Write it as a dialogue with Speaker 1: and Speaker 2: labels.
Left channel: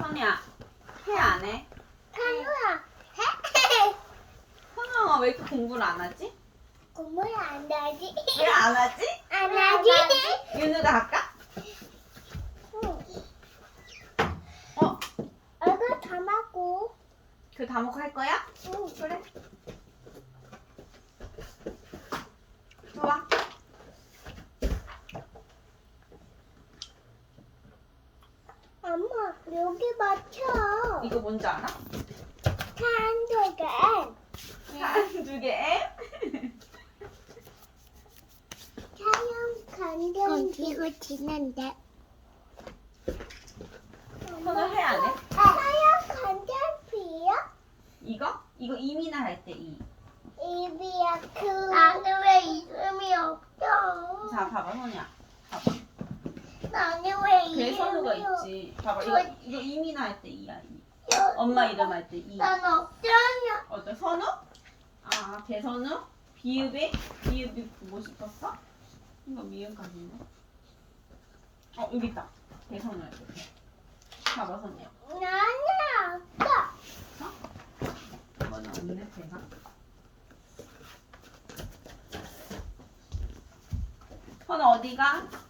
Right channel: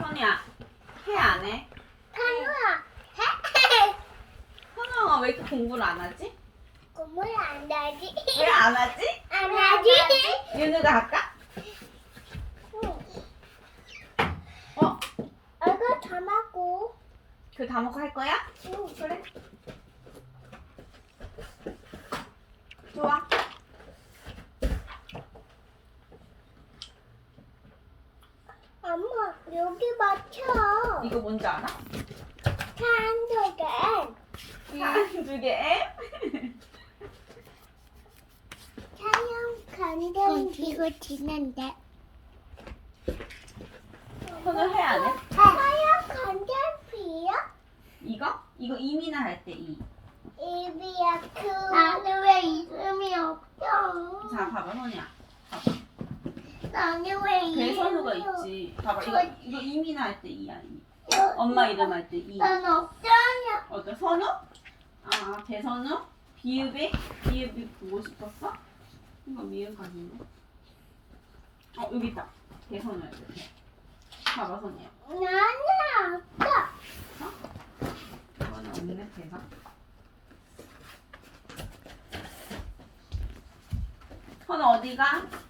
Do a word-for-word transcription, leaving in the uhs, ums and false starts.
Speaker 1: 선우야, 해 안 해?
Speaker 2: 찬우야,
Speaker 1: 선우가 왜 이렇게 공부를 안 하지?
Speaker 2: 공부를 안 하지?
Speaker 1: 왜 안 하지?
Speaker 2: 안 하지?
Speaker 1: 윤우가 할까?
Speaker 2: 응.
Speaker 1: 어?
Speaker 2: 얼굴 담았고.
Speaker 1: 그 다목화 할 거야?
Speaker 2: 응.
Speaker 1: 그래. 좋아.
Speaker 2: 엄마, 여기 맞춰.
Speaker 1: 이거 뭔지 알아?
Speaker 2: 한두 개.
Speaker 1: 한 두 개.
Speaker 2: 사용 건전 이거 지난데.
Speaker 1: 선우 해 안 해?
Speaker 2: 사용 건전비요?
Speaker 1: 이거? 이거 이민아 할 때 이.
Speaker 2: 이비야 그. 나는 왜 이름이 없어?
Speaker 1: 자, 봐봐, 선우야. 봐봐.
Speaker 2: 나는 왜 이름이
Speaker 1: 대선우가
Speaker 2: 없어?
Speaker 1: 있지. 봐봐, 이거, 이거 이민아 할 때 이야, 이미.
Speaker 2: 여-
Speaker 1: 엄마 이름 할 때 이.
Speaker 2: 난 없잖아.
Speaker 1: 어떤 선우? 아, 대선우? 비읍이? 비읍이 보고 싶었어? 이거 미음까지네. 어, 여기 있다. 대선우 할 때. 봐봐, 선우야.
Speaker 2: 나는 없어.
Speaker 1: 이거는 없네, 대선. 선우 어디가?